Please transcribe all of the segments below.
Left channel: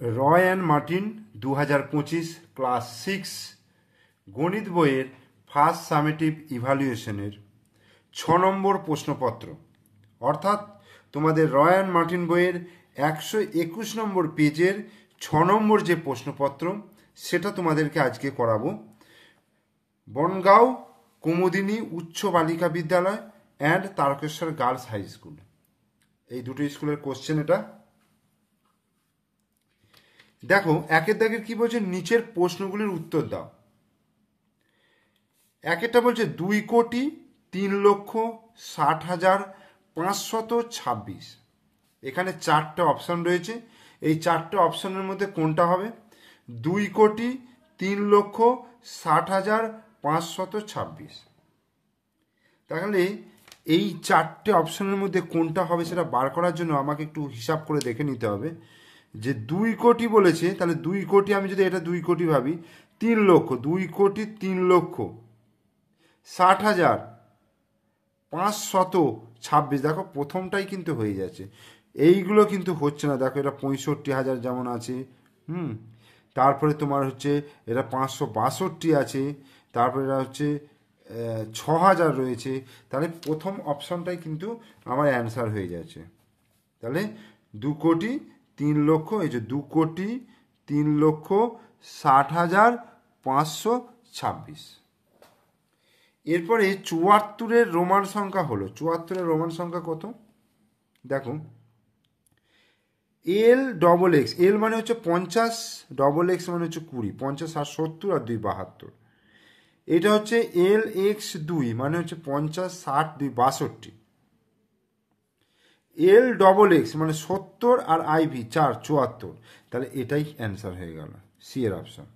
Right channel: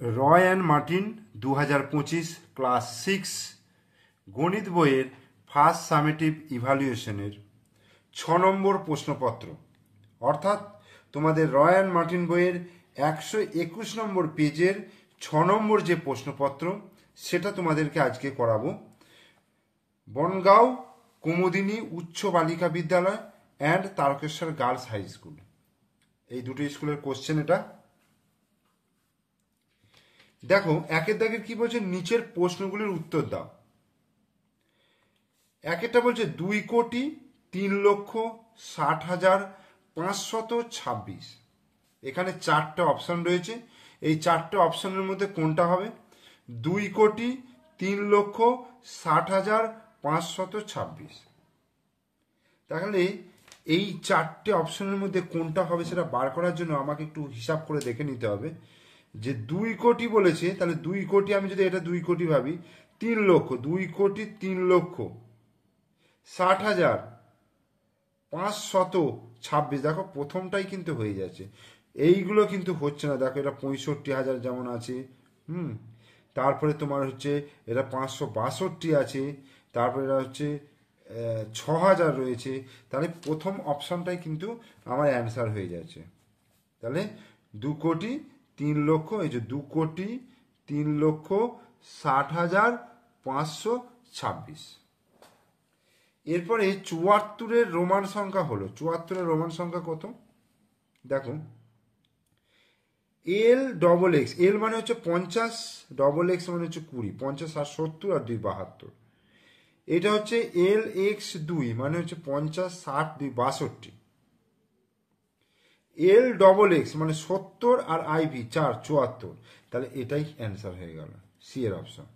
Roy and Martin 2025 class 6 গণিত বইয়ের first summative ইভ্যালুয়েশনের 6 নম্বর প্রশ্নপত্র, অর্থাৎ তোমাদের রয় অ্যান্ড মার্টিন বইয়ের 121 নম্বর পেজের 6 নম্বর যে প্রশ্নপত্র সেটা তোমাদেরকে আজকে করাবো। বনগাঁও কুমুদিনী উচ্চ বালিকা বিদ্যালয় and Tarakeswar girls high school, এই দুটো স্কুলের কোশ্চেন এটা। দেখো একের দাগের কি বলছে, নিচের প্রশ্নগুলির উত্তর দাও। একেরটা বলছে 2,60,60,526। এখানে 4টে অপশন রয়েছে, এই 4টে অপশনের মধ্যে কোনটা হবে? 2,60,60,526। তাহলে এই 4টে অপশনের মধ্যে কোনটা হবে সেটা বার করার জন্য আমাকে একটু হিসাব করে দেখে নিতে হবে যে 2 কোটি বলেছে, তাহলে 2 কোটি আমি যদি এটা 2 কোটি ভাবি, 3 লক্ষ, 2 কোটি 3 লক্ষ 60,526। দেখো প্রথমটাই কিন্তু হয়ে যাচ্ছে, এইগুলো কিন্তু হচ্ছে না। দেখো এটা 65,000 যেমন আছে, তারপরে তোমার হচ্ছে এটা 562 আছে, তারপরে এটা হচ্ছে 6,000 রয়েছে। তাহলে প্রথম অপশনটাই কিন্তু আমার অ্যান্সার হয়ে যাচ্ছে। তাহলে 2 কোটি 3 লক্ষ, এই যে 2 কোটি 3 লক্ষ 60,526। এরপরে 74-এর রোমান সংখ্যা হলো, 74-এর রোমান সংখ্যা কত? দেখো এল ডবল এক্স, এল মানে হচ্ছে 50, ডবল এক্স মানে হচ্ছে 20, 50 আর 70 আর 2 72। এটা হচ্ছে এল এক্স 2 মানে হচ্ছে 50, 60, 2 62। এল ডবল এক্স মানে 70 আর আইভি 4 74। তাহলে এটাই অ্যান্সার হয়ে গেল, সি এর অপশন।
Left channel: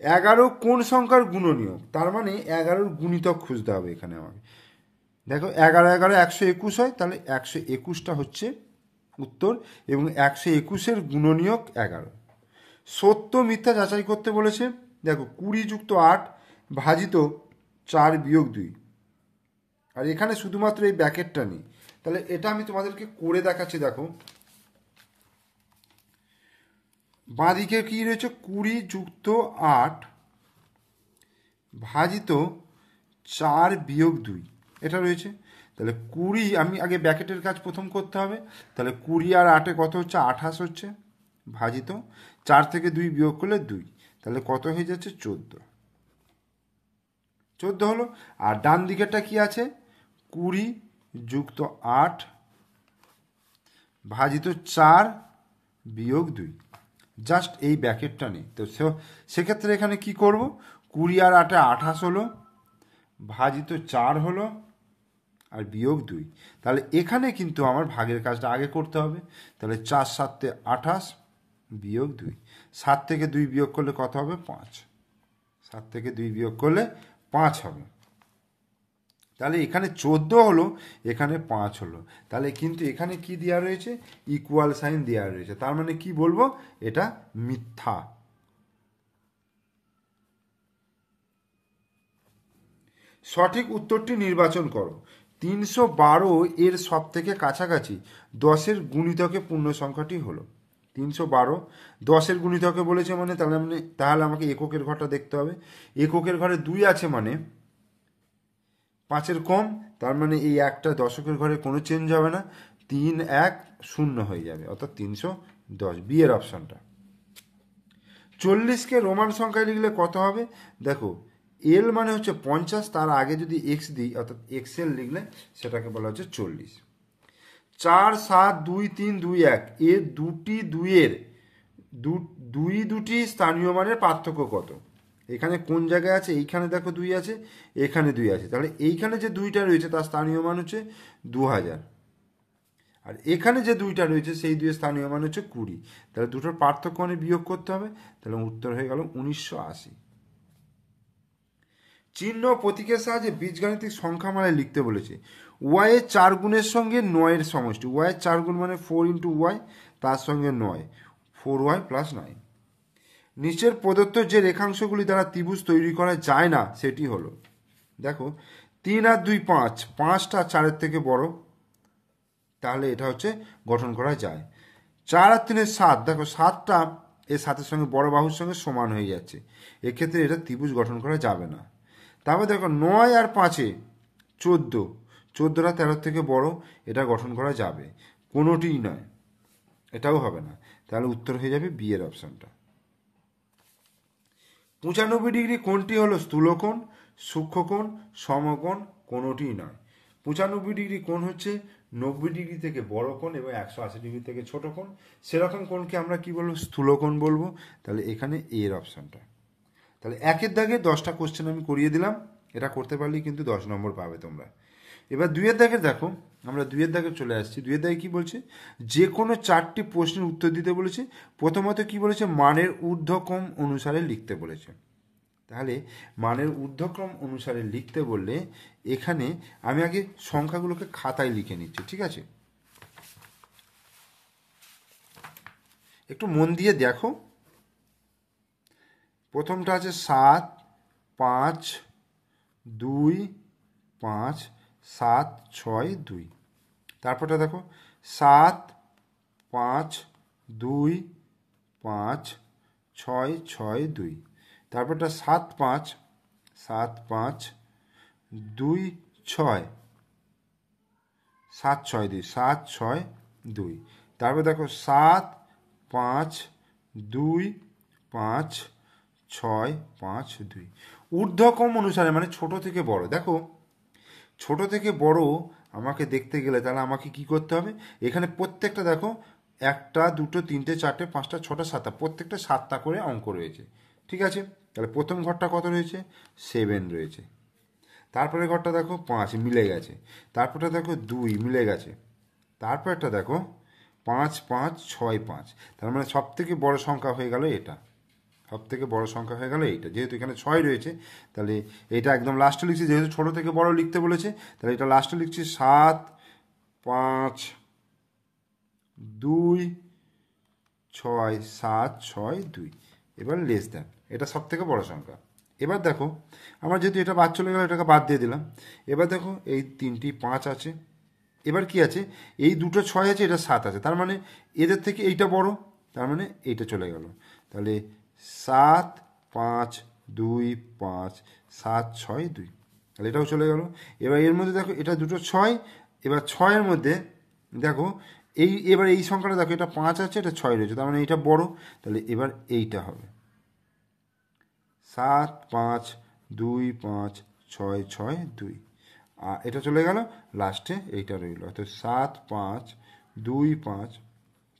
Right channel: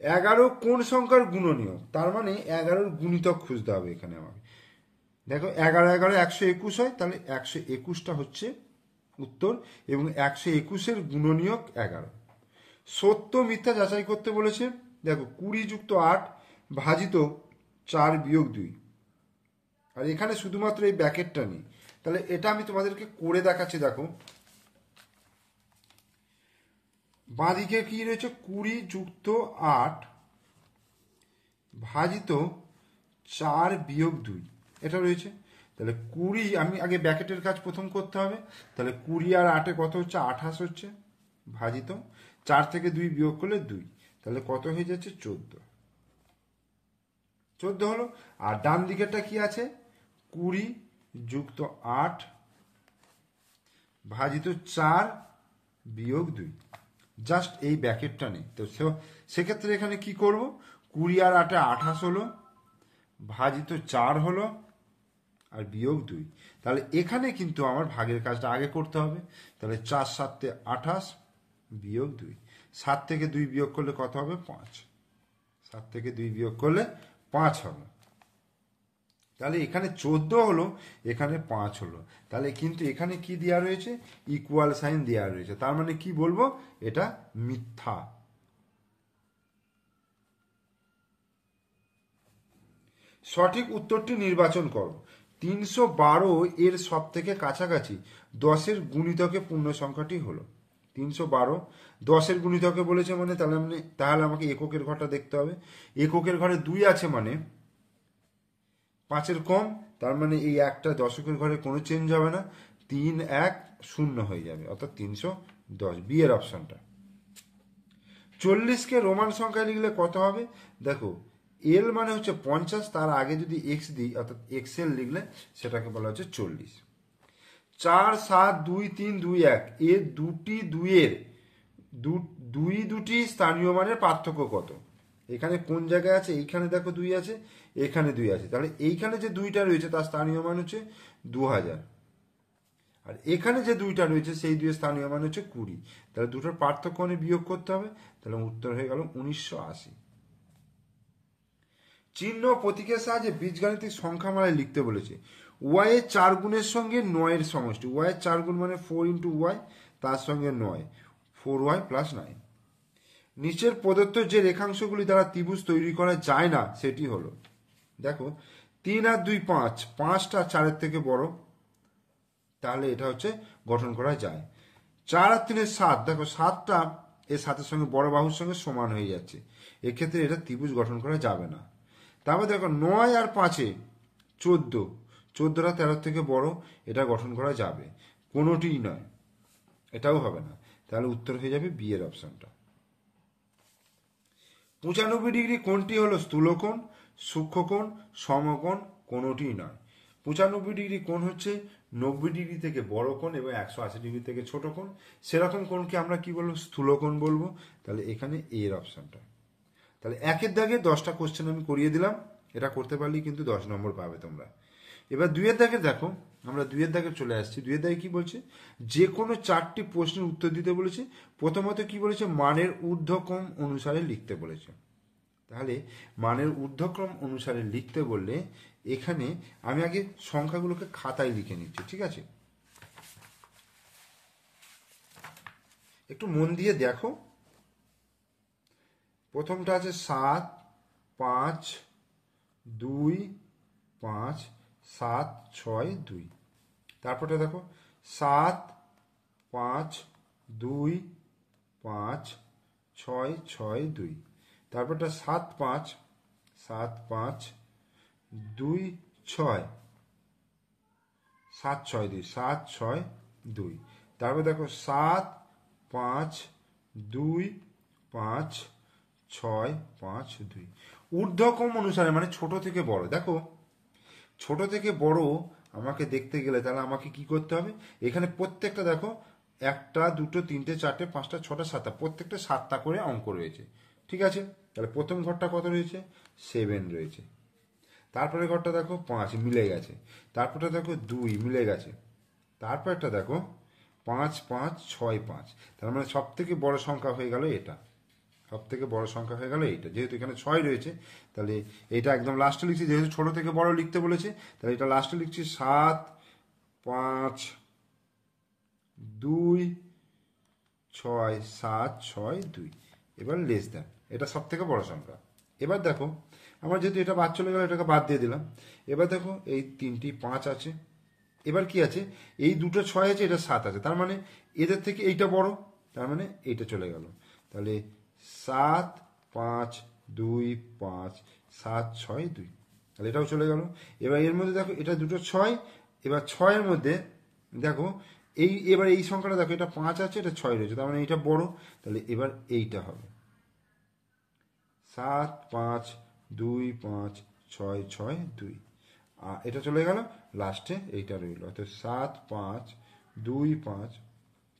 11 কোন সংখ্যার গুণনীয়ক? তার মানে 11-র গুণিতক খুঁজতে হবে এখানে আমাকে। দেখো 11 11 121 হয়, তাহলে 121টা হচ্ছে উত্তর, এবং 121-এর গুণনীয়ক 11। সত্য মিথ্যা যাচাই করতে বলেছে। দেখো 20 যুক্ত 8 ভাজিত 4 বিয়োগ 2, আর এখানে শুধুমাত্র এই ব্র্যাকেটটা নেই। তাহলে এটা আমি তোমাদেরকে করে দেখাচ্ছি। দেখো বাঁদিকে কি রয়েছে, 20 যুক্ত 8 ভাজিত 4 বিয়োগ 2, এটা রয়েছে। তাহলে 20, আমি আগে ব্র্যাকেটের কাজ প্রথম করতে হবে। তাহলে 20 আর 8-এ কত হচ্ছে? 28 হচ্ছে, ভাজিত 4 থেকে 2 বিয়োগ করলে 2, তাহলে কত হয়ে যাচ্ছে? 14 হলো। আর ডান দিকেরটা কি আছে? 20 যুক্ত 8 ভাজিত 4 বিয়োগ 2, জাস্ট এই ব্র্যাকেটটা নেই। তো সেক্ষেত্রে এখানে কি করব? 20 আর 8-এ 28 হলো, ভাজিত 4 হলো, আর বিয়োগ 2। তাহলে এখানে কিন্তু আমার ভাগের কাজটা আগে করতে হবে। তাহলে 4 7-এ 28 বিয়োগ 2, 7 থেকে 2 বিয়োগ করলে কত হবে? 5, 7 থেকে 2 বিয়োগ করলে 5 হবে। তাহলে এখানে 14 হলো, এখানে 5 হলো। তাহলে কিন্তু এখানে কি দেওয়া রয়েছে? ইকুয়াল সাইন দেওয়া রয়েছে। তার মানে কি বলবো? এটা মিথ্যা। সঠিক উত্তরটি নির্বাচন করো। 312 এর সব থেকে কাছাকাছি 10-এর গুণিতকে পূর্ণ সংখ্যাটি হলো 312। 10-এর গুণিতকে বলেছে মানে তাহলে আমাকে এককের ঘরটা দেখতে হবে। এককের ঘরে 2 আছে মানে 5-এর কম, তার মানে এই একটা দশকের ঘরে কোনো চেঞ্জ হবে না, 3 1 0 হয়ে যাবে, অর্থাৎ 310, বি এর অপশনটা। 40-কে রোমান সংখ্যায় লিখলে কত হবে? দেখো এল মানে হচ্ছে 50, তার আগে যদি এক্স দিই, অর্থাৎ এক্সএল লিখলে সেটাকে বলা হচ্ছে 40। 4 7 2 3 2 1, এর দুটি স্থানীয় মানের পার্থক্য কত? এখানে কোন জায়গায় আছে? এইখানে দেখো 2 আছে, এখানে 2 আছে, তাহলে এইখানে যে 2টা রয়েছে তার স্থানীয় মান হচ্ছে 2000, আর এখানে যে 2টা রয়েছে সেই 2 স্থানীয় মান হচ্ছে 20। তাহলে দুটোর পার্থক্য মানে বিয়োগ করতে হবে, তাহলে উত্তর হয়ে গেল 1980। চিহ্ন প্রতীকের সাহায্যে বীজগাণিতিক সংখ্যামালায় লিখতে বলেছে। ওয়াই এর 4 গুণের সঙ্গে 9-এর সমষ্টি। ওয়াই এর 4 গুণ মানে 4 × ওয়াই, তার সঙ্গে 9, 4y + 9। নিচের প্রদত্ত যে রেখাংশগুলি দ্বারা ত্রিভুজ তৈরি করা যায় না সেটি হলো। দেখো 3 আর 2 5, 5টা 4-এর থেকে বড়, তাহলে এটা হচ্ছে গঠন করা যায়। 4 আর 3 7, দেখো 7টা এর সাথের সঙ্গে বড় বাহুর সঙ্গে সমান হয়ে যাচ্ছে, এক্ষেত্রে এটা ত্রিভুজ গঠন করা যাবে না। তারপর দেখো 9 আর 5-এ 14, 14টা 13 থেকে বড়, এটা গঠন করা যাবে, কোনোটিই নয়, এটাও হবে না। তাহলে উত্তর হয়ে যাবে বি এর অপশনটা। 95 ডিগ্রি কোণটি হলো স্থূলকোণ, সূক্ষ্মকোণ, সমকোণ, কোনোটিই নয়। 95 ডিগ্রি কোণ হচ্ছে 90 ডিগ্রি থেকে বড় কোণ এবং 180 ডিগ্রি থেকে ছোট কোণ, সেরকম কোণকে আমরা কি বলবো? স্থূলকোণ বলবো। তাহলে এখানে এ এর অপশনটা। তাহলে একের দাগে 10টা কোশ্চেন আমি করিয়ে দিলাম, এটা করতে পারলেই কিন্তু 10 নম্বর পাবে তোমরা। এবার 2-এর দাগে দেখো, আমরা 2-এর দাগে চলে আসছি। 2-এর দাগে কি বলছে? যে কোনো 4টি প্রশ্নের উত্তর দিতে বলেছে। প্রথমত কি বলেছে? মানের ঊর্ধ্বক্রম অনুসারে লিখতে বলেছে। তাহলে মানের ঊর্ধ্বক্রম অনুসারে লিখতে বললে এখানে আমি আগে সংখ্যাগুলোকে খাতায় লিখে নিচ্ছি, ঠিক আছে? একটু মন দিয়ে দেখো। প্রথমটা আছে 7 5 2 5 7 6 2। তারপরটা দেখো 7 5 2 5 6 6 2। তারপরটা 7 5 7 5 2 6 7 6 2 7 6 2। তারপর দেখো 7 5 2 5 6 5 2। ঊর্ধ্বক্রম অনুসারে মানে ছোট থেকে বড়। দেখো ছোট থেকে বড় আমাকে দেখতে গেলে তাহলে আমাকে কি করতে হবে? এখানে প্রত্যেকটা দেখো 1টা 2টো 3টে 4টে 5টা 6টা 7টা, প্রত্যেকটা 7টা করে অঙ্ক রয়েছে, ঠিক আছে? তাহলে প্রথম ঘরটা কত রয়েছে? 7 রয়েছে। তারপরে ঘরটা দেখো 5 মিলে গেছে। তারপরটা দেখো 2 মিলে গেছে। তারপরটা দেখো 5 5 6 5। তার মানে সব থেকে বড় সংখ্যা হয়ে গেল এটা, সব থেকে বড় সংখ্যা হয়ে গেল এইটা। যেহেতু এখানে 6 রয়েছে তাহলে এটা একদম লাস্টে লিখছি, যেহেতু ছোট থেকে বড় লিখতে বলেছে তাহলে এটা লাস্টে লিখছি 7 5 2 6 7 6 2। এবার লেস দেন, এটা সব থেকে বড় সংখ্যা। এবার দেখো আমার যেহেতু এটা বাদ চলে গেল, এটাকে বাদ দিয়ে দিলাম। এবার দেখো এই 3টি 5 আছে, এবার কি আছে? এই দুটো 6 আছে, এটা 7 আছে, তার মানে এদের থেকে এইটা বড়, তার মানে এইটা চলে গেল। তাহলে 7 5 2 5 7 6 2, তাহলে এটাও চলে গেল। এবার এর মধ্যে দেখো এটা দুটো 6, এবার 6-এর মধ্যে দেখো এবার এই সংখ্যাটা দেখো, এটা 5 আছে, এটা 6 রয়েছে, তার মানে এইটা বড়, তাহলে এবার এইটা হবে 7 5 2 5 6 6 2। আর এটা চলে গেল, লাস্টে এইটা রইল, অর্থাৎ 7 5 2 5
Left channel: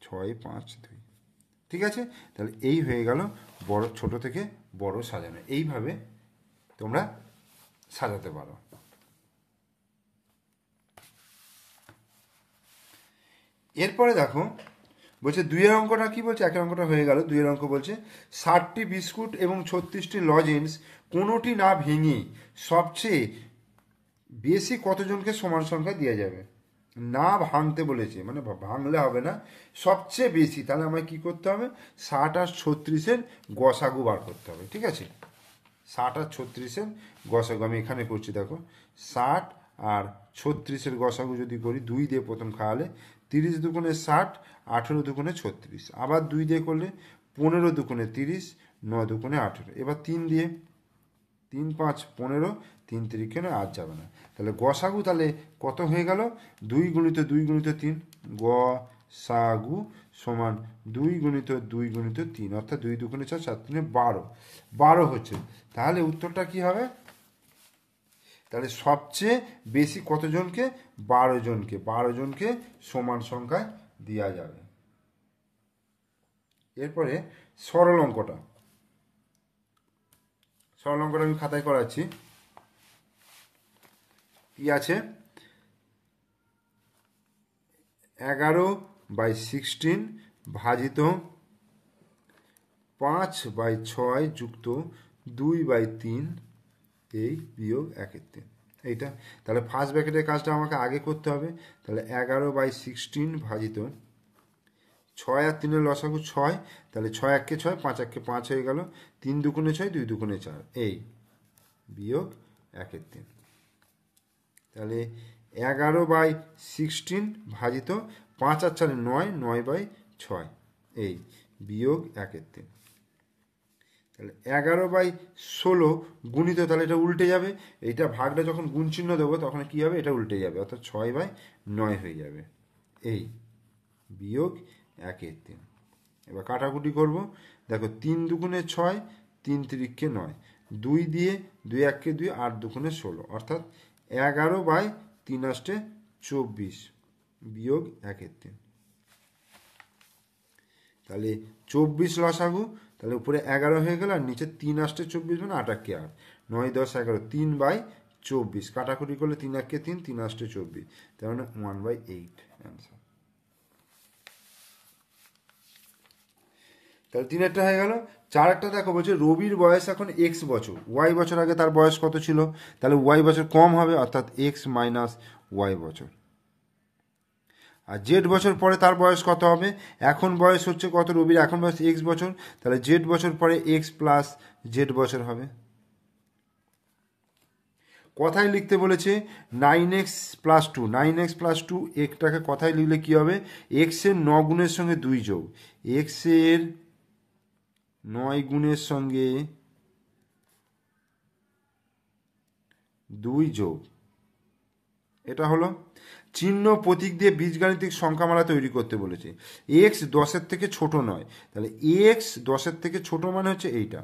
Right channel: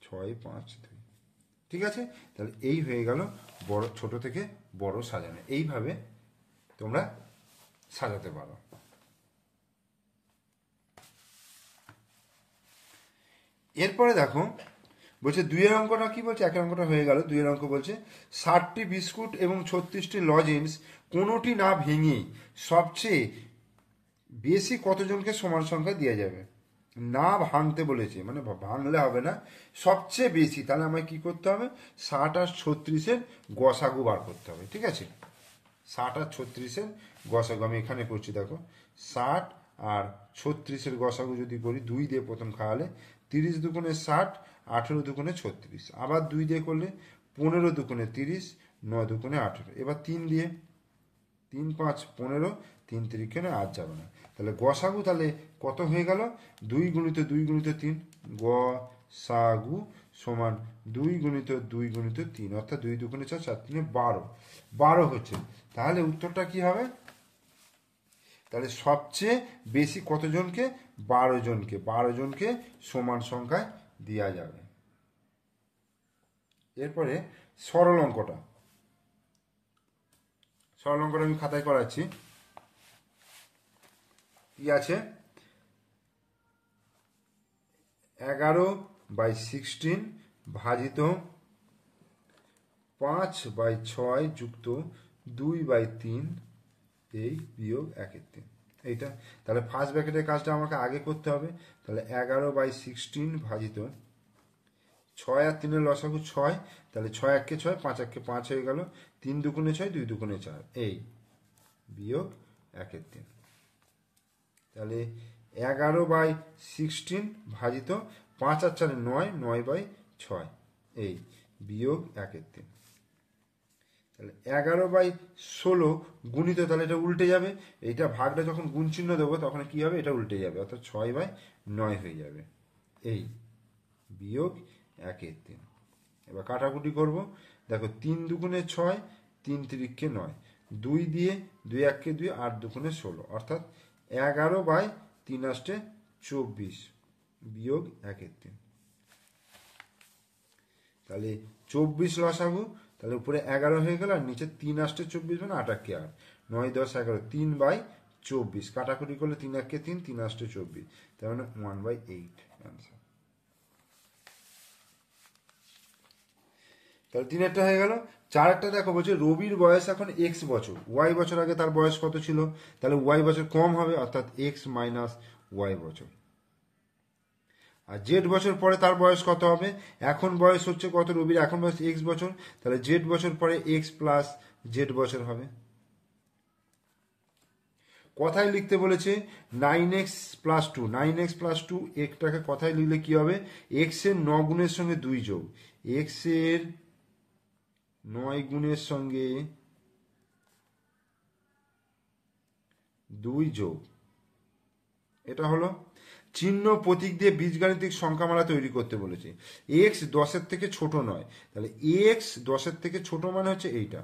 6 5 2। ঠিক আছে? তাহলে এই হয়ে গেল বড়, ছোট থেকে বড় সাজানো। এইভাবে তোমরা সাজাতে পারো। এরপরে দেখো বলছে 2-এর অঙ্কটা কি বলছে? 1-এর অঙ্কটা হয়ে গেল। 2-এর অঙ্ক বলছে 60টি বিস্কুট এবং 36টি লজেন্স কোনোটি না ভেঙে সবচেয়ে বেশি কতজনকে সমান সংখ্যা দেওয়া যাবে? না ভাঙতে বলেছে, মানে ভাঙলে হবে না, সবচেয়ে বেশি। তাহলে আমায় কি করতে হবে? 60 আর 36-এর গসাগু বার করতে হবে, ঠিক আছে? 60 আর 36-এর গসাগু আমি এখানে করছি, দেখো 60 আর 36-এর গসাগু যদি করি, 2 দিয়ে প্রথম খাওয়ালে 30 দুগুণে 60, 18 দুগুণে 36, আবার 2 দিয়ে করলে 15 দুগুণে 30, 9 দুগুণে 18। এবার 3 দিয়ে, 3 5 15, 3 3 8 যাবে না। তাহলে গসাগু তাহলে কত হয়ে গেল? 2 গুণিত 2 গুণিত 3, গসাগু সমান 2 গুণিত 2 গুণিত 3, অর্থাৎ 2 দুগুণে 4, 4 3 12, 12 হচ্ছে। তাহলে উত্তরটা কি হবে? তাহলে সবচেয়ে বেশি কতজনকে? 12 জনকে, 12 জনকে সমান সংখ্যায় দেওয়া যাবে। এরপরে সরল অঙ্কটা, সরল অঙ্কটা আমি খাতায় করাচ্ছি। কি আছে? 11/16 ভাজিত 5/6 যুক্ত 2/3 এই বিয়োগ 1/3, এইটা। তাহলে ফার্স্ট ব্র্যাকেটের কাজটা আমাকে আগে করতে হবে। তাহলে 11/16 ভাজিত 6 আর 3-এর লসাগু 6, তাহলে 6 1 6, 5 1 5 হয়ে গেল, 3 দুগুণে 6, 2 দুগুণে 4, এই বিয়োগ 1/3। তাহলে 11/16 ভাজিত 5 আর 4 9, 9/3, 6 এই বিয়োগ 1/3। তাহলে 11/16 গুণিত, তাহলে এটা উল্টে যাবে, এইটা ভাগটা যখন গুণ চিহ্ন দেবো তখন কি হবে, এটা উল্টে যাবে, অর্থাৎ 6/9 হয়ে যাবে এই বিয়োগ 1/3। এবার কাটাকুটি করব, দেখো 3 দুগুণে 6, 3 তিরিক্ষে 9, 2 দিয়ে 2 1 2, 8 দুগুণে 16, অর্থাৎ 11/3 আষ্টে 24 বিয়োগ 1/3। তাহলে 24 লসাগু, তাহলে উপরে 11 হয়ে গেল আর নিচে 3 আষ্টে 24 মানে 8 8 8, 9 10 11, 3/24 কাটাকুটি করলে 3 1 3, 3 আষ্টে 24, তার মানে 1/8 অ্যান্সার। তাহলে 3 একটা হয়ে গেল। 4 একটা দেখো বলছে রবির বয়স এখন x বছর, y বছর আগে তার বয়স কত ছিল, তাহলে y বছর কম হবে, অর্থাৎ x মাইনাস y বছর। আর জেড বছর পরে তার বয়স কত হবে, এখন বয়স হচ্ছে কত রবির, এখন বয়স x বছর, তাহলে জেড বছর পরে x প্লাস জেড বছর হবে। কথায় লিখতে বলেছে 9x প্লাস 2, 9x প্লাস 2 একটাকে কথায় লিখলে কি হবে, x এর 9 গুণের সঙ্গে 2 যোগ, x এর 9 গুণের সঙ্গে 2 যোগ, এটা হলো। চিহ্ন প্রতীক দিয়ে বীজগাণিতিক সংখ্যামালা তৈরি করতে বলেছে। x 10-এর থেকে ছোট নয়, তাহলে x 10-এর থেকে ছোট মানে হচ্ছে এইটা,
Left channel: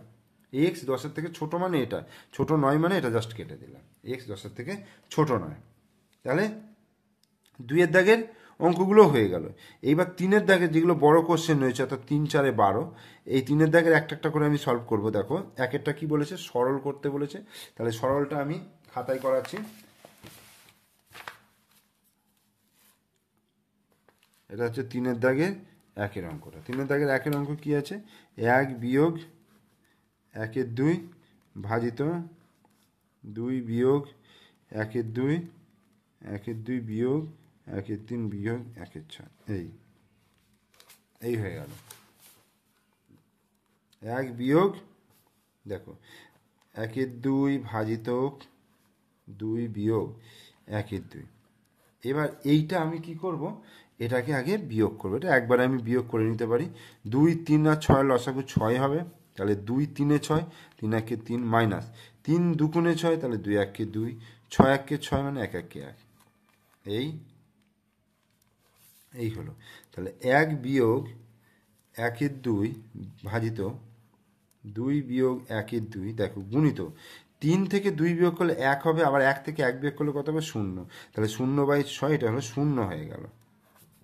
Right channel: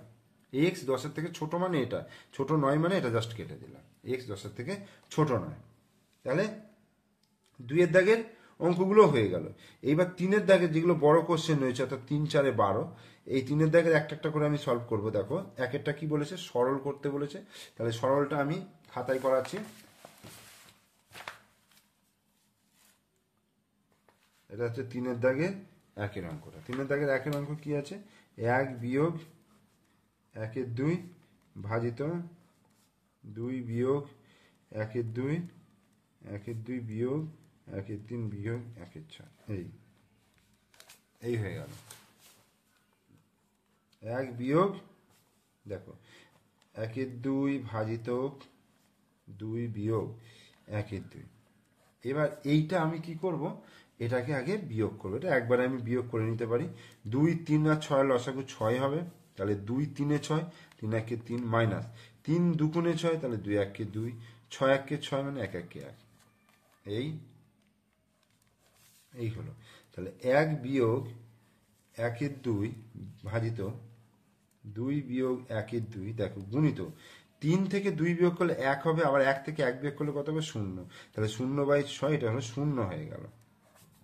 x 10-এর থেকে ছোট মানে এটা, ছোট নয় মানে এটা জাস্ট কেটে দিলাম, x 10-এর থেকে ছোট নয়। তাহলে 2-এর দাগের অঙ্কগুলো হয়ে গেল। এইবার 3-এর দাগের যেগুলো বড় কোশ্চেন রয়েছে, অর্থাৎ 3 4 12, এই 3-এর দাগের একটা একটা করে আমি সলভ করব। দেখো একেরটা কি বলেছে, সরল করতে বলেছে, তাহলে সরলটা আমি খাতায় করাচ্ছি। এটা হচ্ছে 3-এর দাগের 1-এর অঙ্কটা। 3-এর দাগের 1-এর অঙ্ক কি আছে, 1 বিয়োগ 1/2 ভাজিত 2 বিয়োগ 1/2, 1/2 বিয়োগ 1/3 বিয়োগ 1/6, এই হয়ে গেল। 1 বিয়োগ দেখো 1/2 ভাজিত 2 বিয়োগ 1/2। এবার এইটা আমি কি করব, এটাকে আগে বিয়োগ করবো, এটা একবারে আমি বিয়োগ করে নিতে পারি। 2 3 আর 6 লসাগু 6 হবে, তাহলে 2 3 6, 3 1 3 মাইনাস 3 দুগুণে 6, তাহলে 2 1 2, 6 1 6 মানে 1 1 1, এই হলো। তাহলে 1 বিয়োগ 1/2 ভাজিত 2 বিয়োগ 1/2, দেখো গুণিত 3 থেকে 2 বিয়োগ করলে 1 হবে, আবার 1 থেকে 1 বিয়োগ করলে কত হবে 0, তাহলে 0/6, এটা হলো 0 হয়ে গেল।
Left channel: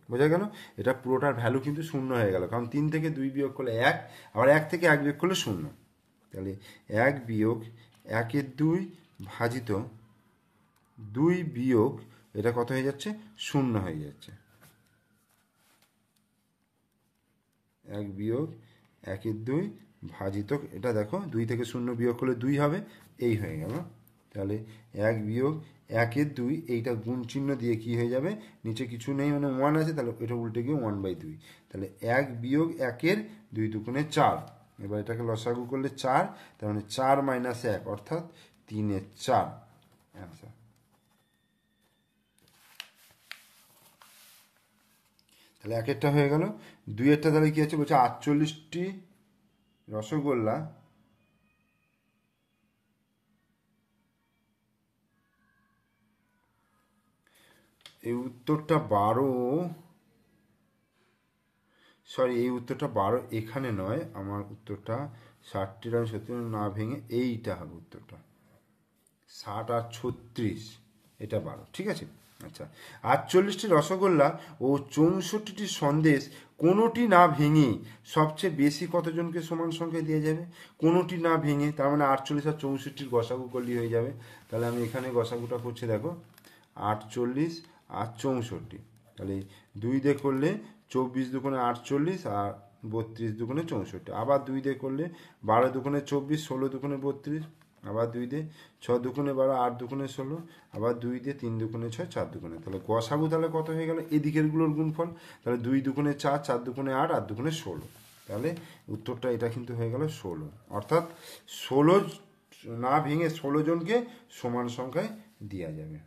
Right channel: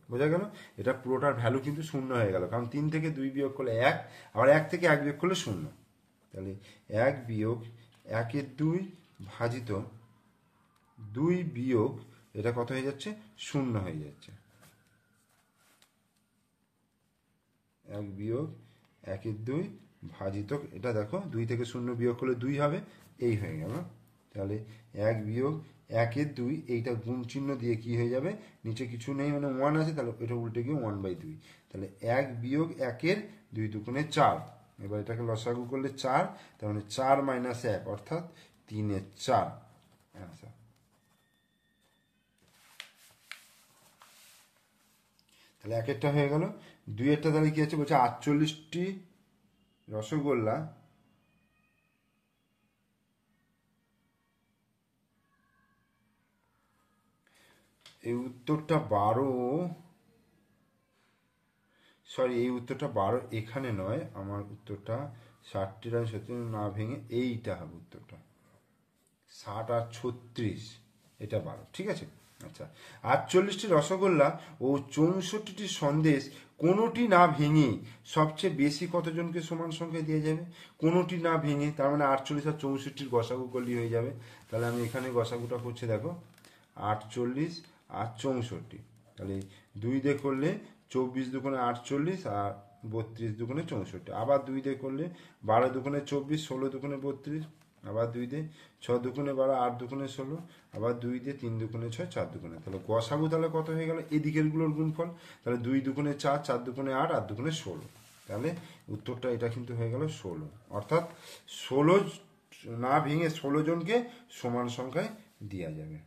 বোঝা গেল, এটা পুরোটার ভ্যালু কিন্তু 0 হয়ে গেল, কারণ 3 থেকে 2 বিয়োগ করলে 1, আবার 1 থেকে 1 বিয়োগ করলে 0, তাহলে 1 বিয়োগ 1/2 ভাজিত 2 বিয়োগ এটা কত হয়ে যাচ্ছে, 0 হয়ে যাচ্ছে। 1 বিয়োগ 1/2 ভাজিত এটা দেখো 2 থেকে 0 বিয়োগ করলে 2 হবে, এই হয়ে গেল। তাহলে 1 বিয়োগ 1/2, এইটা গুণ চিহ্ন দিয়ে কি হয়ে যাবে, নিচে কিছু নেই মানে 1 আছে, তাহলে এটা উল্টে গিয়ে 1/2, তাহলে 1 বিয়োগ 1-এর 2 দুগুণে 4, এবার এটাকে লসাগু করলে 4, তার মানে 4 মাইনাস 1, অর্থাৎ 3/4 অ্যান্সার। তাহলে 1-এরটা হয়ে গেল। 2-এরটা তাহলে কি আছে, বলছে 48টি রসগোল্লা এই উত্তরটা 12, সরি এই উত্তরটা 12 এখানে নয়, আমার উত্তরটা 60টির আর 70 না ভেঙে এইটা হবে উত্তরটা, 60 আর 36, এটা 12, ঠিক আছে। আচ্ছা, 48টি রসগোল্লা ও 64টি সন্দেশ কোনোটি না ভেঙে সবচেয়ে বেশি কতজনকে সমান সংখ্যায় দিয়ে যাবে, কোনোটি না ভেঙে, তার মানে 48 আর 64টির গসাগু করলেই হয়ে যাবে। তাহলে আমি এখানে গসাগুটা করছি, দেখো 48 আর 64, তাহলে 2 দিয়ে করলে 24 দুগুণে 48 আর 32 দুগুণে 64, আবার 2 দিয়ে করলে 12 দুগুণে 24, 16 দুগুণে 32, আবার 2 দিয়ে 6 দুগুণে 12, 8 দুগুণে 16, আবার 2 দিয়ে 3 দুগুণে 6, 4 দুগুণে, তাহলে গসাগু তাহলে কত হয়ে গেল, এই দিকের গুলোর গুণফল, তাহলে 2 দুগুণে 4, 4 দুগুণে 8, 8 দুগুণে 16, তাহলে উত্তরটা এটা কিন্তু হয়ে গেল 16, অর্থাৎ 16 না ভেঙে 16 জনকে সমান সংখ্যায় দেওয়া যাবে।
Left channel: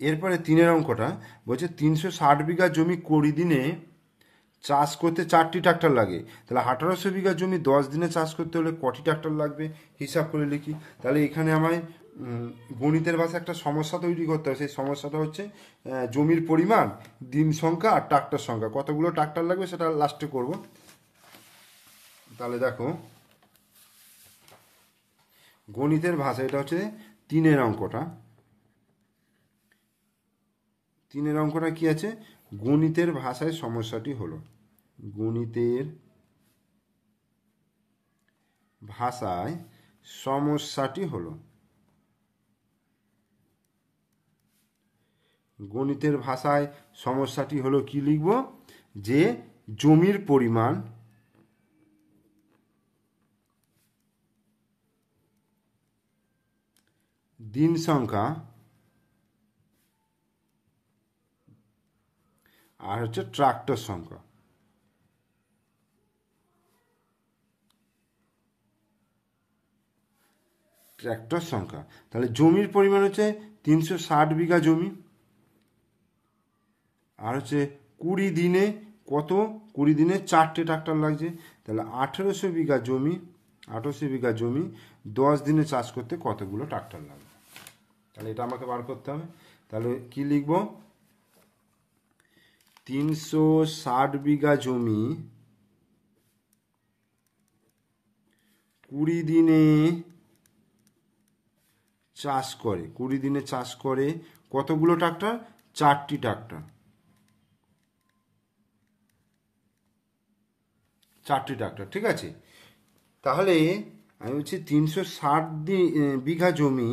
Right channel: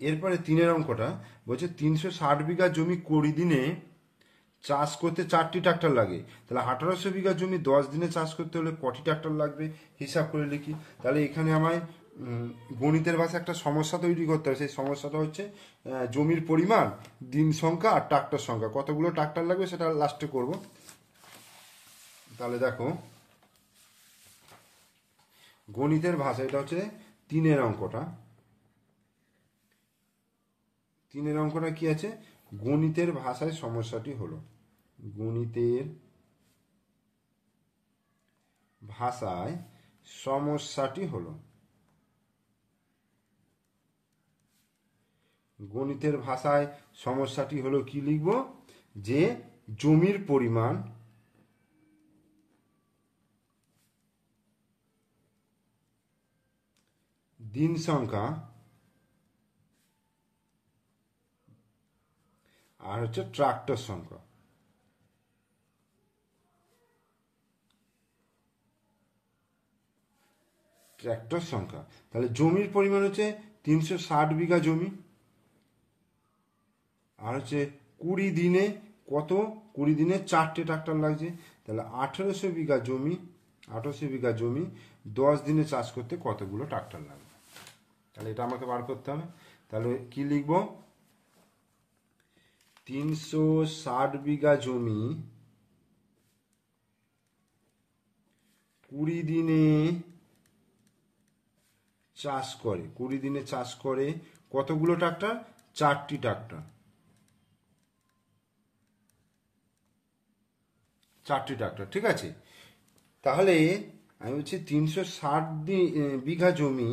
এরপরে 3 অঙ্কটা বলছে 360 বিঘা জমি 20 দিনে চাষ করতে 4টি ট্রাক্টর লাগে, তাহলে 1800 বিঘা জমি 10 দিনে চাষ করতে হলে কটি ট্রাক্টর লাগবে হিসাব করে লিখি। তাহলে এখানে আমায় গণিতের ভাষায় একটা সমস্যা তৈরি করতে হবে। সেই সমস্যাটা হচ্ছে জমির পরিমাণ, দিন সংখ্যা আর ট্রাক্টর সংখ্যা, কতগুলো ট্রাক্টর লাগবে সেটা লাস্টে করব। তাহলে দেখো গণিতের ভাষা, এটা হচ্ছে 3 অঙ্কটা। 3 অঙ্কটা কি আছে, গণিতের ভাষায় সমস্যাটি হলো, গণিতের ভাষায় সমস্যাটি হলো, গণিতের ভাষায় সমস্যাটি হলো কি লিখব, যে জমির পরিমাণ দিন সংখ্যা আর হচ্ছে ট্রাক্টর সংখ্যা। ট্রাক্টর সংখ্যা, তাহলে জমির পরিমাণ হচ্ছে 360 বিঘা জমি, আর হচ্ছে 20 দিনে কত, 20 দিনে 4টে ট্রাক্টর লাগছে, তাহলে 1800 বিঘা জমি, 1800 বিঘা জমি 10 দিনে চাষ করতে কতগুলো ট্রাক্টর লাগবে, তাহলে এটা আমাকে বার করতে হবে। তাহলে কি লিখব, 360 বিঘা জমি 20 দিনে চাষ করে, 20 দিনে চাষ করে কতগুলো ট্রাক্টর, 4টি ট্রাক্টর, 4টি ট্রাক্টর, ঠিক আছে। তাহলে আমি বলছি 360 বিঘা জমি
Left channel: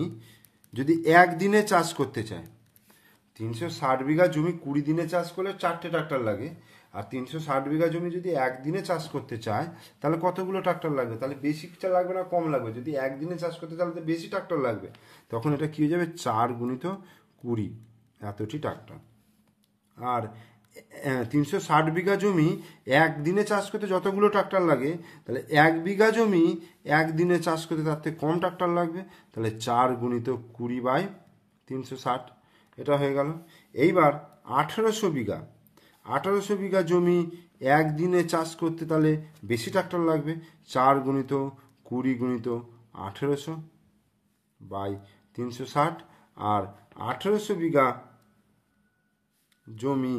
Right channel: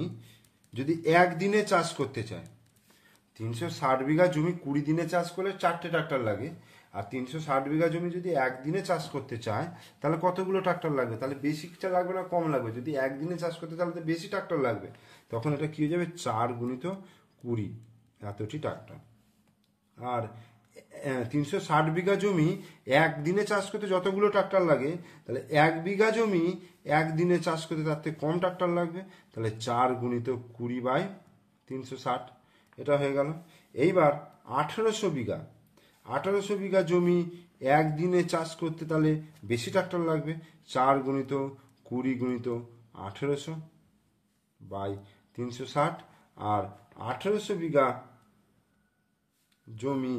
যদি একদিনে চাষ করতে চাই, 360 বিঘা জমি 20 দিনে চাষ করলে 4টে ট্রাক্টর লাগে, আর 360 বিঘা জমি যদি একদিনে চাষ করতে চায় তাহলে কতগুলো ট্রাক্টর লাগবে, তাহলে বেশিটা লাগবে না কম লাগবে, যদি একদিনে চাষ করতে তাহলে তো বেশি ট্রাক্টর লাগবে, তখন এটা কি হয়ে যাবে 4 গুণিত 20, এতটি ট্রাক্টর। আর 360 বিঘা জমি একদিনে চাষ করতে যতগুলো ট্রাক্টর লাগে, তাহলে 1 বিঘা জমি একদিনে চাষ করতে তার থেকে কম ট্রাক্টর লাগবে, তাহলে 4 গুণিত 20/360, এটা হয়ে গেল। এইবার 1800 বিঘা, 1800 বিঘা জমি একদিনে চাষ করতে তাহলে বেশি ট্রাক্টর লাগবে, 4 গুণিত 20 গুণিত 1800/360, আর 1800 বিঘা জমি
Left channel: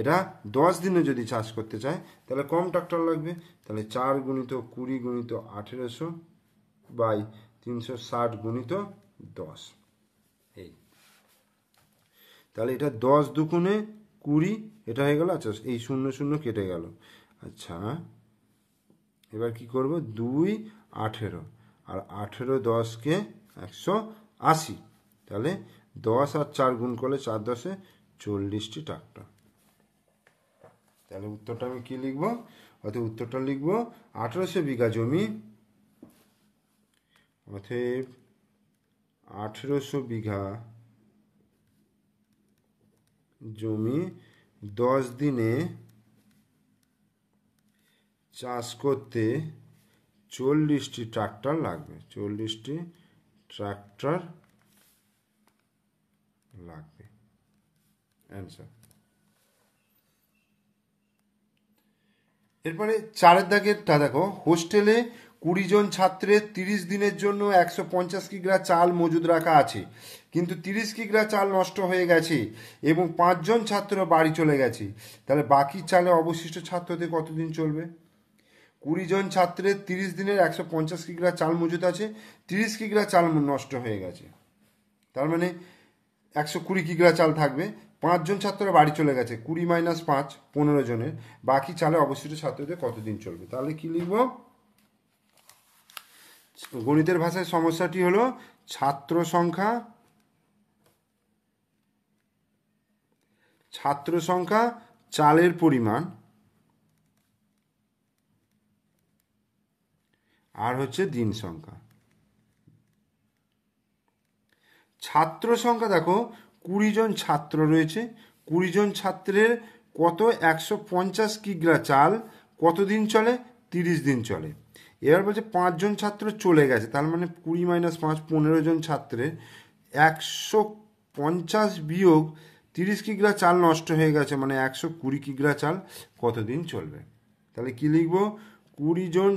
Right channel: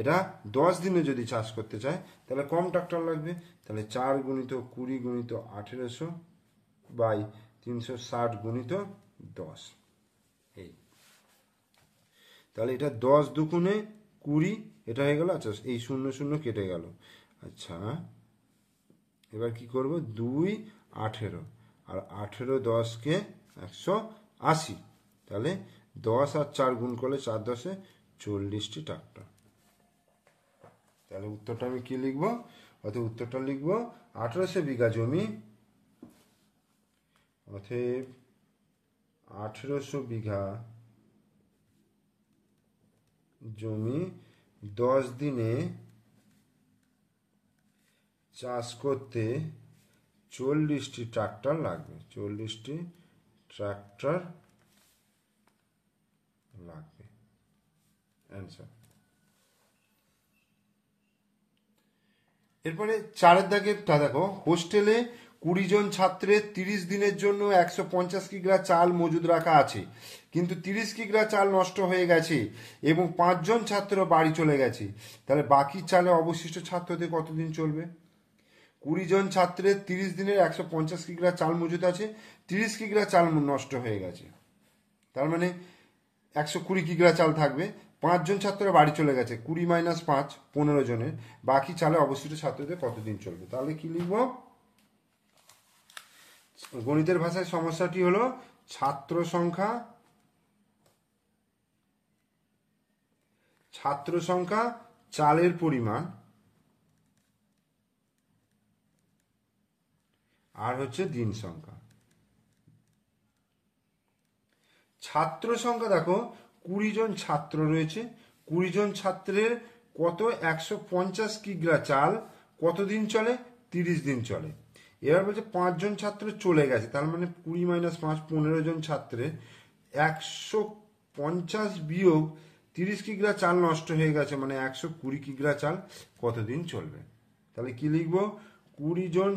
এটা 10 দিনে যদি চাষ করতে চায় তাহলে কম ট্রাক্টর লাগবে, তাহলে 4 গুণিত 20 গুণিত 1800/360 গুণিত 10, এই তাহলে এটা 10 দুগুণে 20, এটা হয়ে গেল। আচ্ছা এই 0 0 কেটে গেল। আচ্ছা এবার কি করব, 2 18, আর 18 10কে 180, তাহলে 10 আর 4 গুণ করলে 4 10-এ 40টি ট্রাক্টর। তাহলে উত্তরটা আমি কি লিখব, অতএব উত্তরটা লিখব 1800 বিঘা জমি, অতএব 1800 বিঘা জমি 10 দিনে চাষ করতে 40টি ট্রাক্টর লাগবে, 40টি ট্রাক্টর লাগবে, অ্যান্সার। এরপরে 4 দাগেরটা দেখো, হোস্টেলে 20 জন ছাত্রের 30 দিনের জন্য 150 কিগ্রা চাল মজুদ রাখা আছে, কিন্তু 30 কিগ্রা চাল নষ্ট হয়ে গেছে এবং 5 জন ছাত্র বাড়ি চলে গেছে, তাহলে বাকি চালে অবশিষ্ট ছাত্রদের কতদিন চলবে। 20 জন ছাত্রের 30 দিনের 150 কিগ্রা চাল মজুদ আছে, 30 কিগ্রা চাল নষ্ট হয়ে গেছে, তার মানে 120 কিগ্রা চাল থাকবে, 5 জন ছাত্র বাড়ি চলে গেছে, 20 - 5 15 জনের, বাকি চালে অবশিষ্ট ছাত্রদের কতদিন চলবে। তাহলে কি লিখব, গণিতের ভাষায় সমস্যাটি হলো ছাত্র সংখ্যা, চালের পরিমাণ, আর হচ্ছে দিন সংখ্যা। ছাত্র সংখ্যা দেখো 20 জন ছাত্র রয়েছে, 20 জন ছাত্রের কত 150 কিগ্রা চাল কতদিন চলে, 30 দিন চলে। এবার বলছে 5 জন ছাত্র চলে গেছে, তার মানে 20 - 5 15 জন ছাত্রের 50 বিয়োগ 30 কিগ্রা চাল নষ্ট হয়ে গেছে, মানে 120 কিগ্রা চাল কতদিন চলবে? তাহলে কি লিখব? 20 জন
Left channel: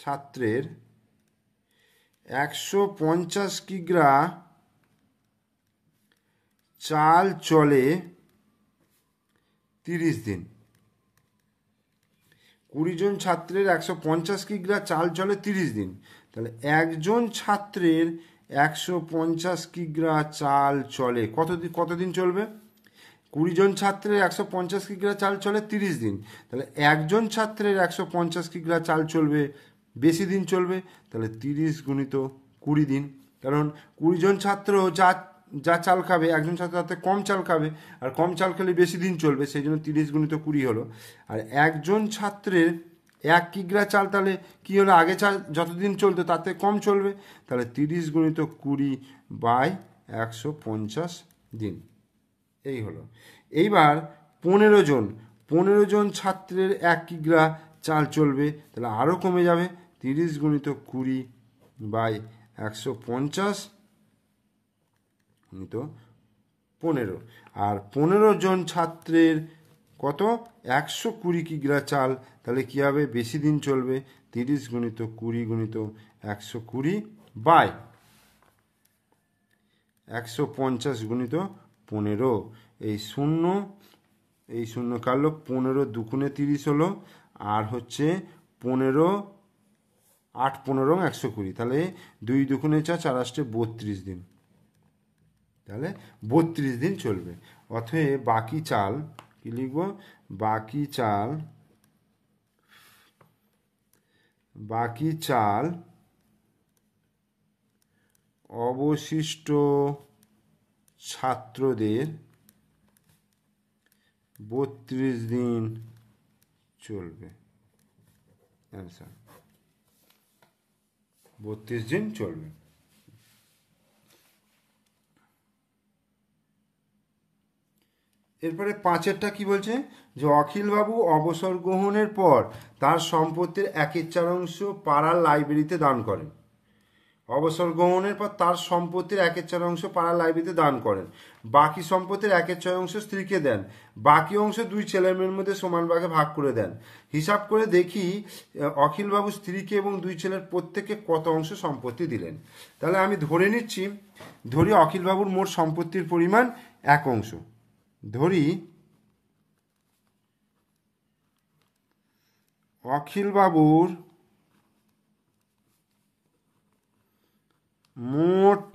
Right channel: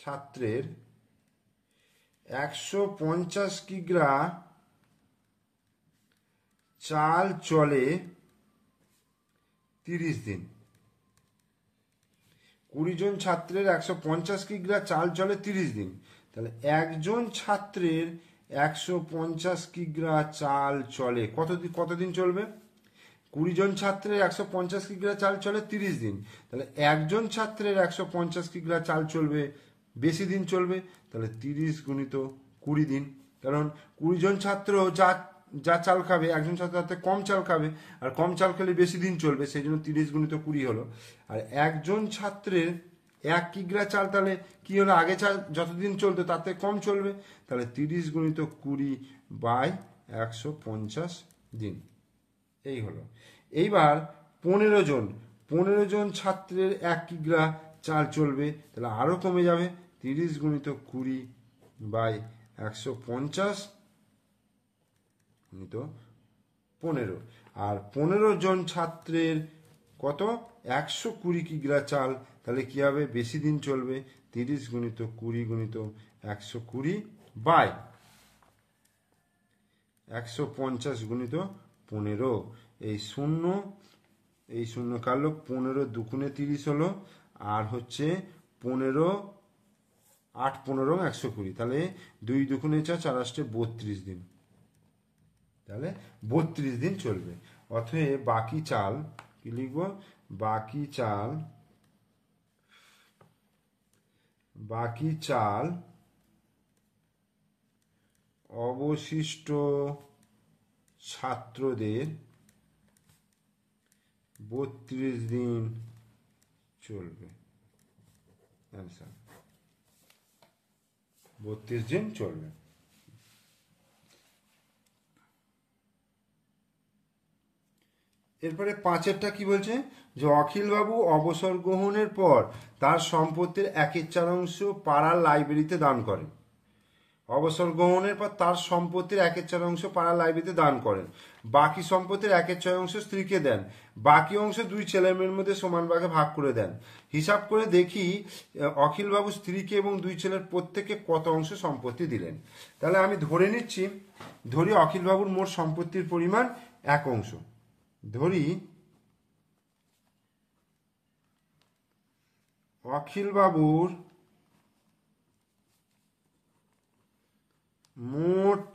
ছাত্রের 150 কিগ্রা চাল চলে 30 দিন। 20 জন ছাত্রের 150 কিগ্রা চাল চলে 30 দিন। তাহলে একজন ছাত্রের 150 কিগ্রা চাল চলে কতদিন চলবে? 20 জন ছাত্রের 150 কিগ্রা চাল চলে 30 দিন। তাহলে একজন ছাত্রের 150 কিগ্রা চাল চলবে বেশি দিন চলবে, তাহলে 30 গুণিত 20 দিন। কারণ 20 জন ছাত্র যা চাল খাবে, একজন ছাত্র তাতে কম চাল খাবে, আর কম চাল খেলে বেশি দিন চলবে, সেই জন্য 30 গুণিত 20 হলো। আর একজন ছাত্রের 1 কিগ্রা চাল তাহলে কি হলো? আগে চাল যতদিন চলতো তাতে কম চলবে, তাহলে 30 গুণিত 20 বাই 150 দিন। এই হলো। এইবার 15 জন ছাত্রের 1 কিগ্রা চাল চলবে, তাহলে আরও কমে যাবে, 30 গুণিত 20 বাই 150 গুণিত 15। আর 15 জন ছাত্রের কত? 120 কিগ্রা চাল, তাহলে কি হবে? বেশি দিন চলবে, 30 গুণিত 20 গুণিত 120 বাই 150 গুণিত 15। এই শূন্য কাটলো, 15 দুগুণে 30 হলো, আর হচ্ছে 15 8 15 120, তাহলে 2 দুগুণে 4 4 8 32 দিন, তাহলে 32 দিন চলবে। অতএব বাকি চাল কি লিখব? বাকি চাল অবশিষ্ট ছাত্রদের 32 দিন চলবে। অ্যান্সার 32 দিন চলবে। এরপরে 5এরটা কি বলছে? যে অখিলবাবু অবসর গ্রহণের পর তার সম্পত্তির 1/4 পাড়ার লাইব্রেরিতে দান করেন। অবসর গ্রহণের পর তার সম্পত্তির 1/4 পাড়ার লাইব্রেরিতে দান করেন। বাকি সম্পত্তির 1/6 স্ত্রীকে দেন। বাকি অংশ 2 ছেলেমেয়ের মধ্যে সমান ভাগে ভাগ করে দেন। হিসাব করে দেখি অখিলবাবু স্ত্রীকে এবং 2 ছেলের প্রত্যেককে কত অংশ সম্পত্তি দিলেন। তাহলে আমি ধরি অখিলবাবুর মোট সম্পত্তির পরিমাণ 1 অংশ। ধরি অখিলবাবুর মোট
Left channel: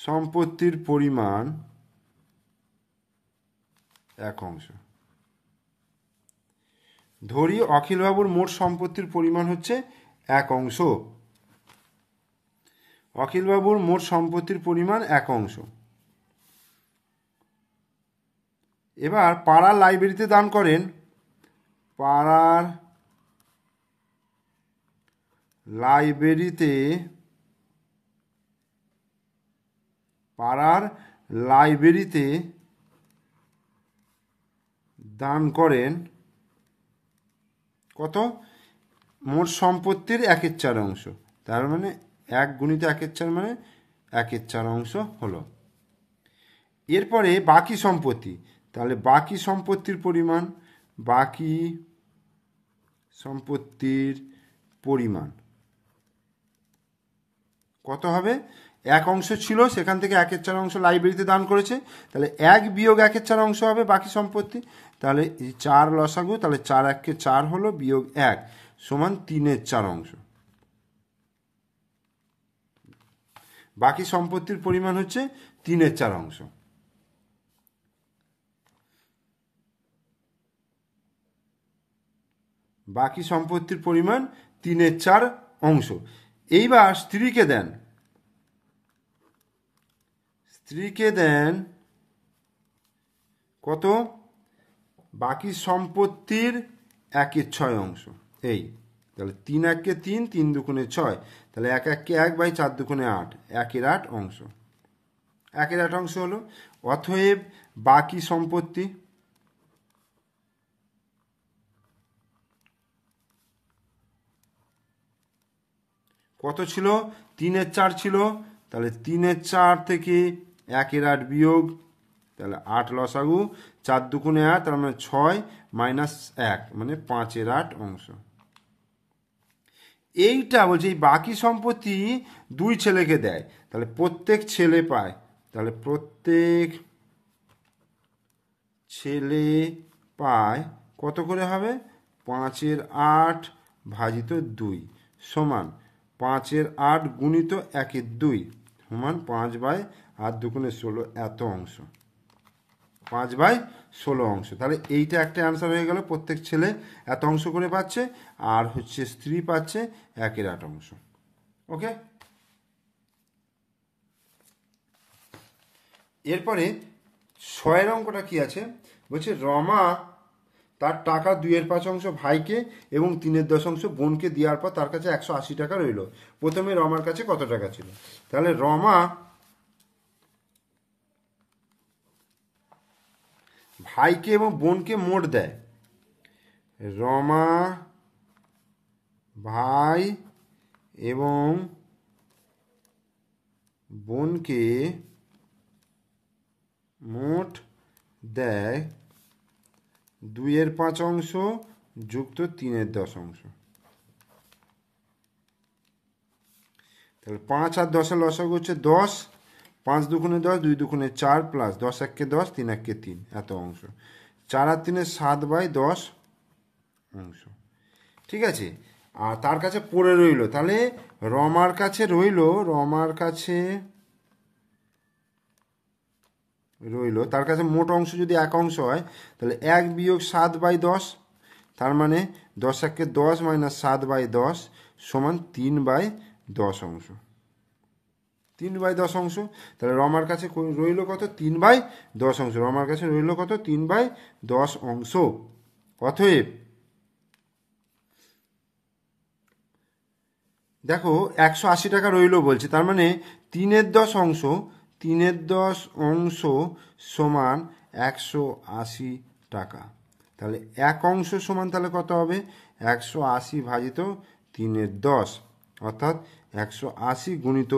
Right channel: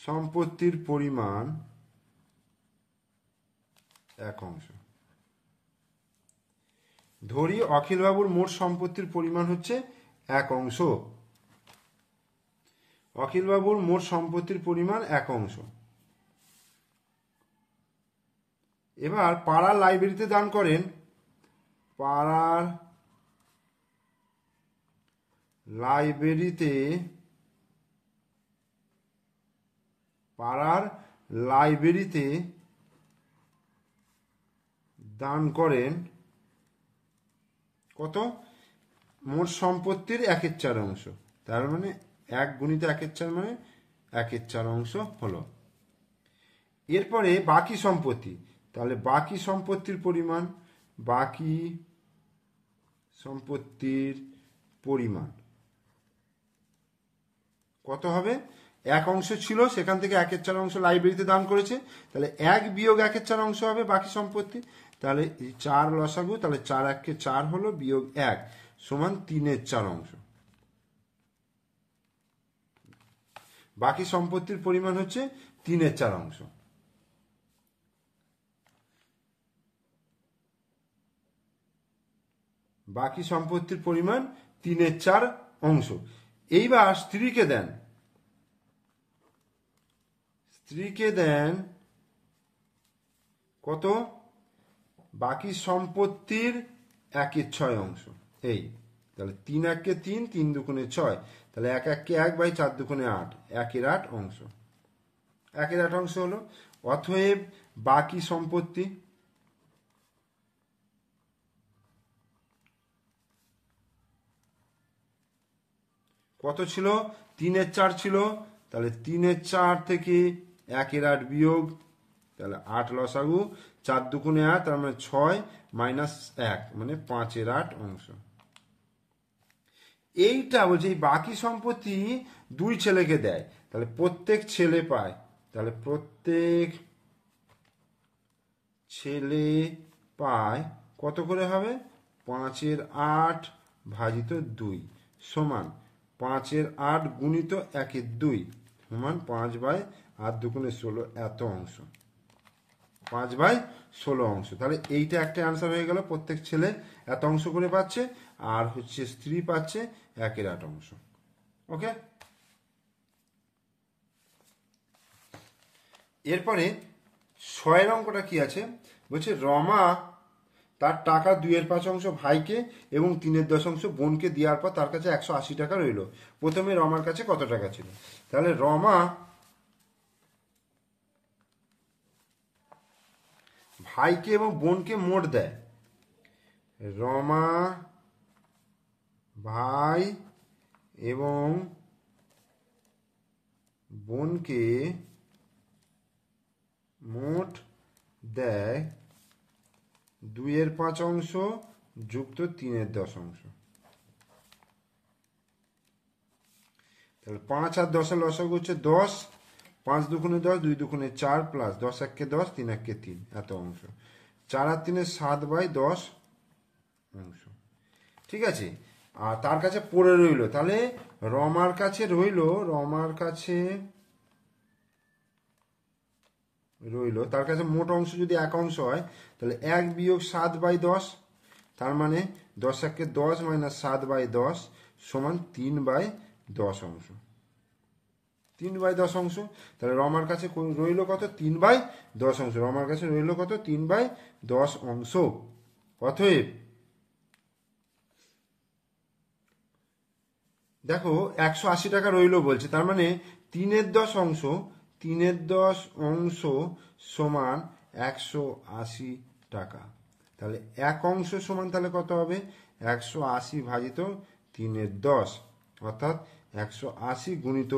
সম্পত্তির পরিমাণ 1 অংশ। ধরি অখিলবাবুর মোট সম্পত্তির পরিমাণ হচ্ছে 1 অংশ। অখিলবাবুর মোট সম্পত্তির পরিমাণ 1 অংশ। এবার পাড়ার লাইব্রেরিতে দান করেন। পাড়ার লাইব্রেরিতে দান করেন কত? মোট সম্পত্তির 1/4 অংশ। তার মানে 1 গুণিত 1/4 মানে 1/4 অংশ হলো। এরপরে বাকি সম্পত্তি, তাহলে বাকি সম্পত্তির পরিমাণ কত হবে? 1 অংশ ছিল, সেখান থেকে 1/4 অংশ লাইব্রেরিতে দান করেছে, তাহলে 1 বিয়োগ 1/4 অংশ হবে বাকি সম্পত্তি। তাহলে 4 লসাগু, তাহলে 4 1 4 হলো, বিয়োগ 1 সমান 3/4 অংশ। বাকি সম্পত্তির পরিমাণ হচ্ছে 3/4 অংশ। বাকি সম্পত্তির পরিমাণ 3/4 অংশ। এইবার স্ত্রীকে দেন কত? বাকি সম্পত্তির 1/6 অংশ। এই তাহলে 3 1 3, 3 2 6, তাহলে 1 1 1 বাই 4 2 8, 1/8 অংশ। 1/8 অংশ হলো। অতএব বাকি সম্পত্তি কত ছিল? 3/4 ছিল, তাহলে 3/4 থেকে 1/8 বিয়োগ, তাহলে 8 লসাগু, 4 দুগুণে 8, তার মানে 6 মাইনাস 1 মানে 5/8 অংশ। এইটা বলছে এই বাকি সম্পত্তি দুই ছেলেকে দেয়, তাহলে প্রত্যেক ছেলে পায়, তাহলে প্রত্যেক ছেলে পায় কত করে হবে? 5/8 ভাজিত 2 সমান 5/8 গুণিত 1/2 সমান 5/8 দুগুণে 16 এত অংশ, 5/16 অংশ। তাহলে এইটা একটা অ্যান্সার হয়ে গেল, প্রত্যেক ছেলে এত অংশ করে পাচ্ছে, আর হচ্ছে স্ত্রী পাচ্ছে 1/8 অংশ। ওকে, এরপরে 6 অঙ্কটা কি আছে বলছে, রমা তার টাকা 2/5 অংশ ভাইকে এবং 3/10 অংশ বোনকে দেওয়ার পর তার কাছে 180 টাকা রইল। প্রথমে রমার কাছে কত টাকা ছিল? তাহলে রমা ভাইকে এবং বোনকে মোট দেয়। রমা ভাই এবং বোনকে মোট দেয় 2/5 অংশ যুক্ত 3/10 অংশ। তাহলে 5 আর 10 লসাগু হচ্ছে 10, 5 দুগুণে 10, 2 দুগুণে 4 প্লাস 10 1 10, 3 1 3 এত অংশ, 4 আর 3 7/10 অংশ। ঠিক আছে, আর তার কাছে পড়ে রইল, তাহলে রমার কাছে রইল তার কাছে মোট অংশ যদি 1 অংশ হয়, তাহলে 1 বিয়োগ 7/10, তার মানে 10 1 10 মাইনাস 7/10 সমান 3/10 অংশ, 3/10 অংশ। তাহলে রমার কাছে রইল কত? 3/10 অংশ। রমার কাছে রইল কত? 3/10 অংশ। অতএব দেখো 180 টাকা রইল বলছে, তার মানে 3/10 অংশ, 3/10 অংশ সমান 180 টাকা। তাহলে 1 অংশ সমান তাহলে কত হবে? 180 ভাজিত 3/10, অর্থাৎ 180 গুণিত,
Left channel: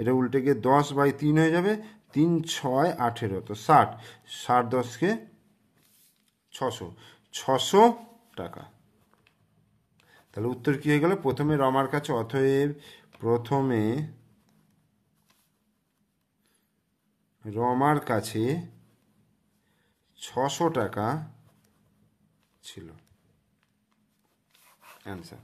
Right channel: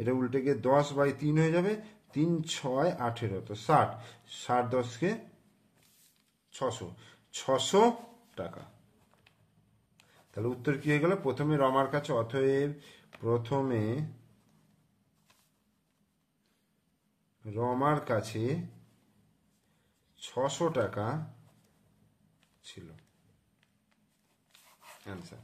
এটা উল্টে গিয়ে 10/3 হয়ে যাবে, 3 6 18, তো 60, 60 10 600 টাকা। তাহলে উত্তর কি হয়ে গেল? প্রথমে রমার কাছে, অতএব প্রথমে রমার কাছে 600 টাকা ছিল। অ্যান্সার।